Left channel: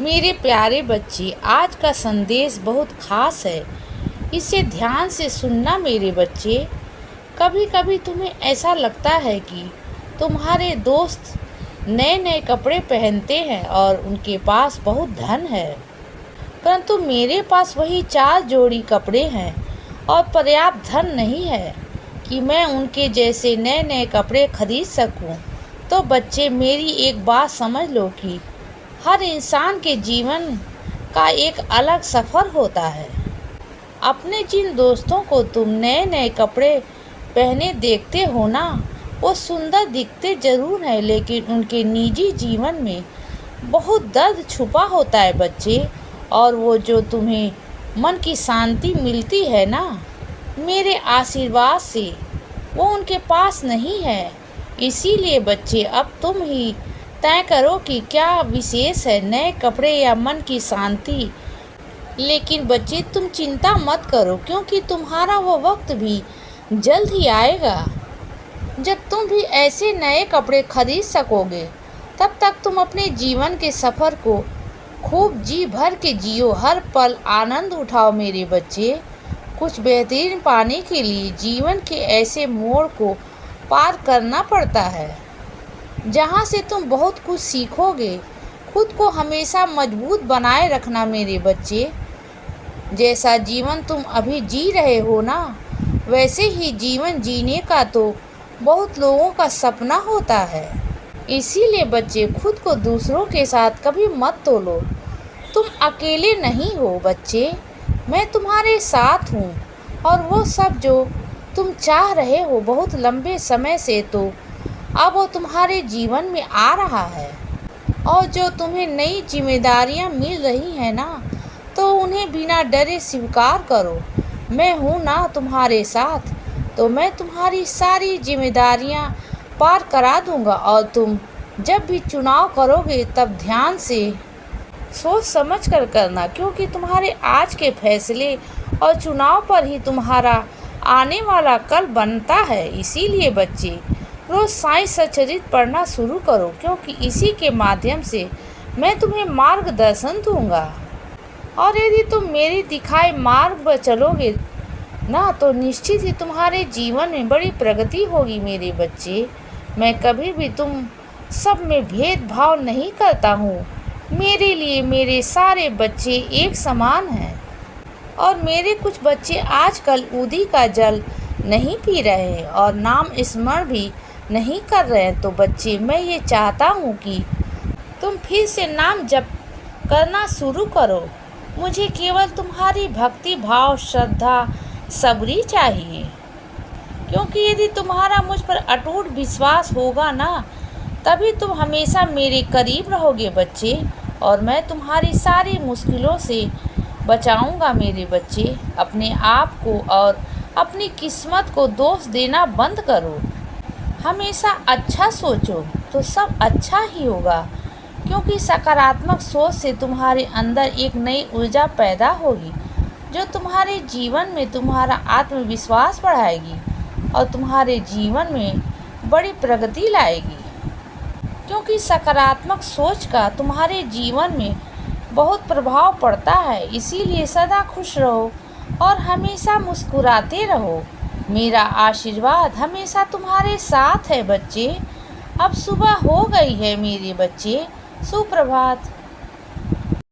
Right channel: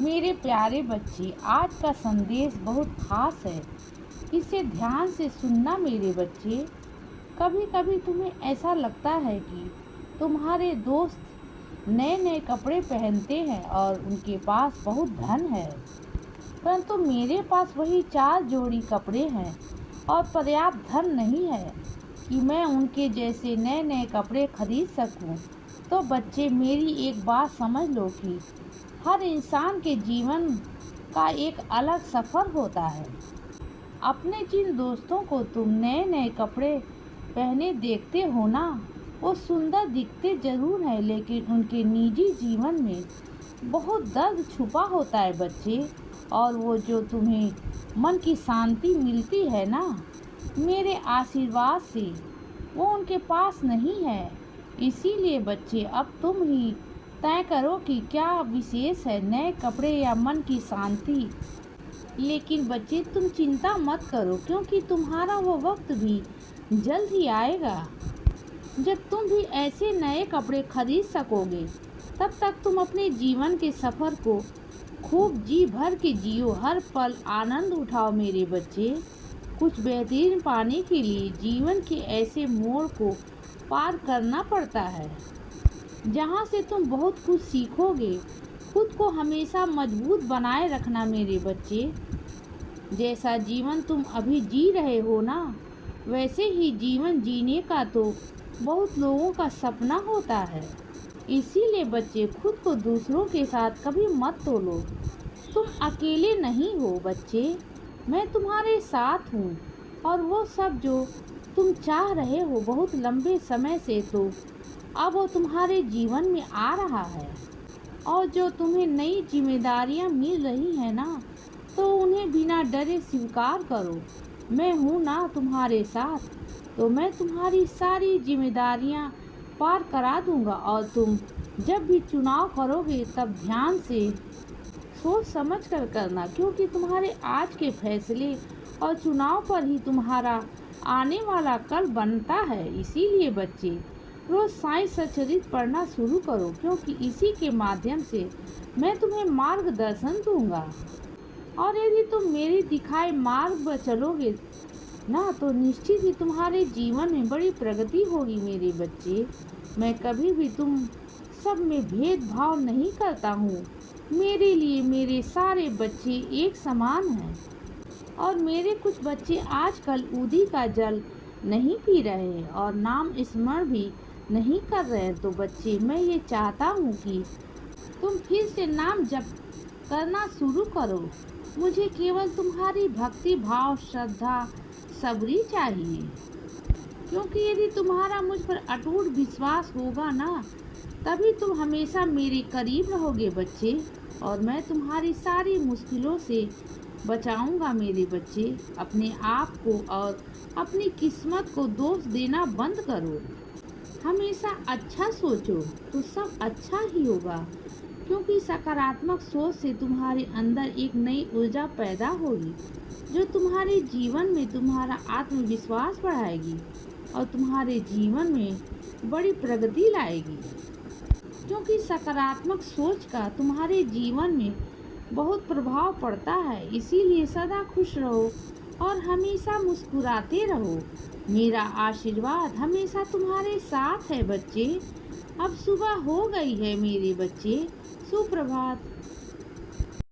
मेरे प्यारे बच्चे, आज का संदेश बहुत खास है। इसे ध्यान से सुनना मेरे बच्चे। कभी कभी तुम्हें ऐसा लगता है कि तुम्हारे दोस्त नए नए कपड़े पहनते हैं और उनके पास बहुत धन है, परंतु मेरे पास वही 4 जोड़ी कपड़े हैं और पर्याप्त धन नहीं है कि मैं उनके जैसे नए नए कपड़े खरीद सकूं। तो बच्चे, मेरी एक बात समझ लो कि हर इंसान के जीवन का एक अलग सफ़र होता है। अपने जिन दोस्तों को तुम नए नए कपड़े पहने देखते हो ना, वो सुंदर दिखते जरूर हैं, लेकिन उनके निजी जीवन में बहुत दर्द छुपा होता है बच्चे। और वो जो तुम्हें मन की शांति मिलती है ना, मेरे आशीर्वाद से, वो उनके पास नहीं है। इसीलिए बच्चे, अब तुम ही तय करो कि क्या विशेष है, नए कपड़े या मन की शांति। लेकिन बच्चे, तुम चिंता मत करो, क्योंकि तुम्हारा वो वक्त भी जल्द ही आएगा जब तुम भी ऐसे नए कपड़े खरीद सकोगे। तब तक तुम अपने जीवन के सफ़र को खूब जी भर के जियो, हर पल आनंद उठाओ मेरे बच्चे। कुछ बेहतरीन पाने के लिए जीवन के ऐसे मोड़ को पार करना पड़ता है जहाँ से तुम बहुत कुछ सीखोगे। खुद को हमेशा मजबूत बनाए रखना मेरे बच्चे। जैसा जीवन तुम अभी जी रहे हो ना, वैसे ही जीवन जीने का तो बहुत लोगों का सपना होता है। इसीलिए बच्चे, खुद को दूसरों के साथ कभी मत तोलो। तुम अकेले नहीं हो बच्चे, मैं तुम्हारे साथ हूँ। और वो सब जो तुम चाह रहे हो बहुत लंबे समय से, तो अब वो तुम्हारे जीवन में आ रहा है। और जो तुम्हें नई जिम्मेदारियाँ मिल रही हैं ना, तो उन्हें बिना डरे स्वीकार करो। मैं हूँ ना तुम्हारे साथ, तो मैं तुम्हारी सारी जिम्मेदारियाँ पार करा दूँगा। और तुम जब भी चुनाव करोगे, तब ध्यान से सोच समझ कर करना, क्योंकि तुम्हारे आज के फैसले और चुनाव पर ही तुम्हारा आने वाला कल बनता है। इसीलिए बच्चे, रोज़ साई सचरित पढ़ना शुरू करो, क्योंकि इसी के माध्यम से मैं तुम्हें मार्गदर्शन दूंगा। और यदि तुम मेरे दिखाए मार्ग पर चलोगे ना, तो निश्चित ही तुम्हारे जीवन में बड़ी प्रगति होगी मेरे बच्चे। मैं कभी भी तुम सब में भेदभाव नहीं करता हूँ। मेरे लिए मेरे सारे बच्चे एक समान हैं। और मेरे कुछ बच्चे आजकल उदी का जल नहीं पी रहे हैं और नाम स्मरण भी नहीं कर रहे हैं। तो बच्चे, मैं ये चाहता हूँ कि तुम फिर से नाम जप करना शुरू करो। मुझे केवल तुम्हारी भक्ति भाव, श्रद्धा, सबरी चाहिए। क्योंकि यदि तुम्हारा मुझ पर अटूट विश्वास होगा ना, तभी तुम हमेशा मेरे करीब रहोगे बच्चे। और मैं तुम्हारी सारी मुश्किलों से बचाऊंगा मेरे बच्चे। अपने आप को और अपनी किस्मत को दोष देना बंद करो। हमेशा अच्छा सोचो तो सब अच्छा ही होगा, क्योंकि सकारात्मक सोच से तुम्हारे अंदर एक नई ऊर्जा पैदा होगी, जो तुम्हारे जीवन में तुम्हारा आत्मविश्वास बढ़ाएगी और तुम्हारे जीवन में बड़ी प्रगति लाएगी। क्योंकि सकारात्मक सोच का तुम्हारे जीवन में बहुत प्रभाव पड़ता है। इसीलिए सदा खुश रहो और हमेशा मुस्कुराते रहो। मेरा आशीर्वाद हमेशा तुम्हारे साथ है बच्चे। अब सुबह हो गई है मेरे बच्चे। सुप्रभात।